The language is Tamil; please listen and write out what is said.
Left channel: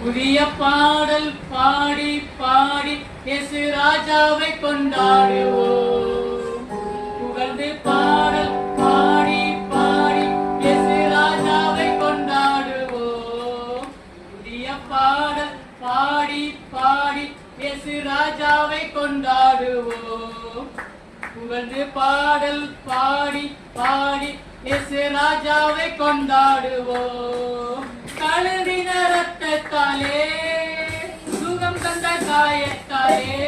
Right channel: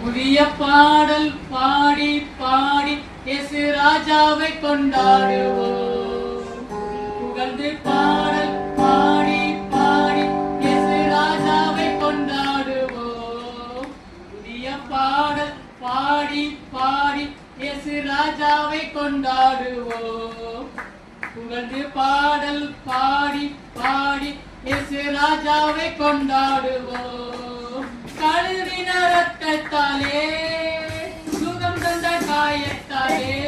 புதிய பாடல் பாடி பாடி இயேசு ராஜாவை கொண்டாடுவோம். புகழ்ந்து பாடல் பாடி பாடி இயேசு ராஜாவை கொண்டாடுவோம். புதிய பாடல் பாடி பாடி இயேசு ராஜாவை கொண்டாடுவோம். புகழ்ந்து பாடல் பாடி பாடி இயேசு ராஜாவை கொண்டாடுவோம். கழுதின ரத்தத்தாலே சுகம் தந்த காயத்தாலே